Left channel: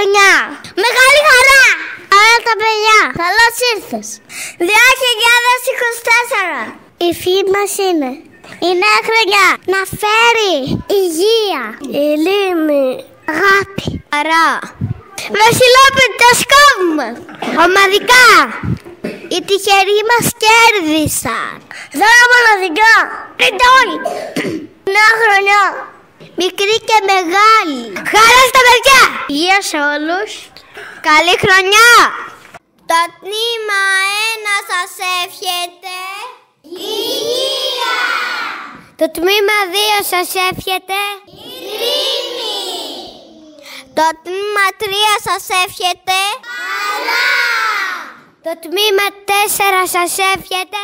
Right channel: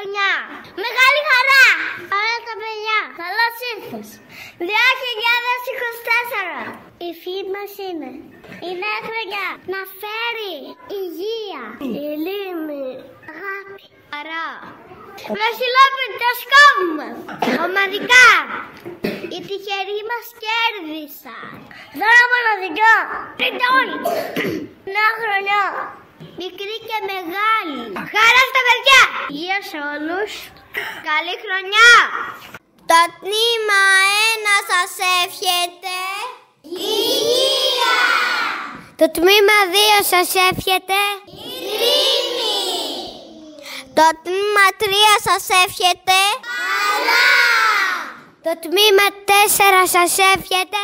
χρονιά. Μεγάλη χαρά. Άρα τα παιδιά, καλώς ήρθες. 2024. Η ευχή μας είναι η νέα χρονιά να φέρει υγεία, ειρήνη, αγάπη, χαρά. Βασιλόπιτο ομαδικά. Οι τυχεροί μας κέρδισαν. Δώρα μοναδικά. Ρητών. Νέα χρονιά. Μικρή και μεγάλη. Χαρά στα παιδιά. Υγεία σε όλους. Καλή χρονιά. Το τμήμα 1 σας εύχεται υγεία. Το τμήμα 2 σας εύχεται ειρήνη. Το τμήμα 3 σας εύχεται καλά. Το τμήμα 4 σας εύχεται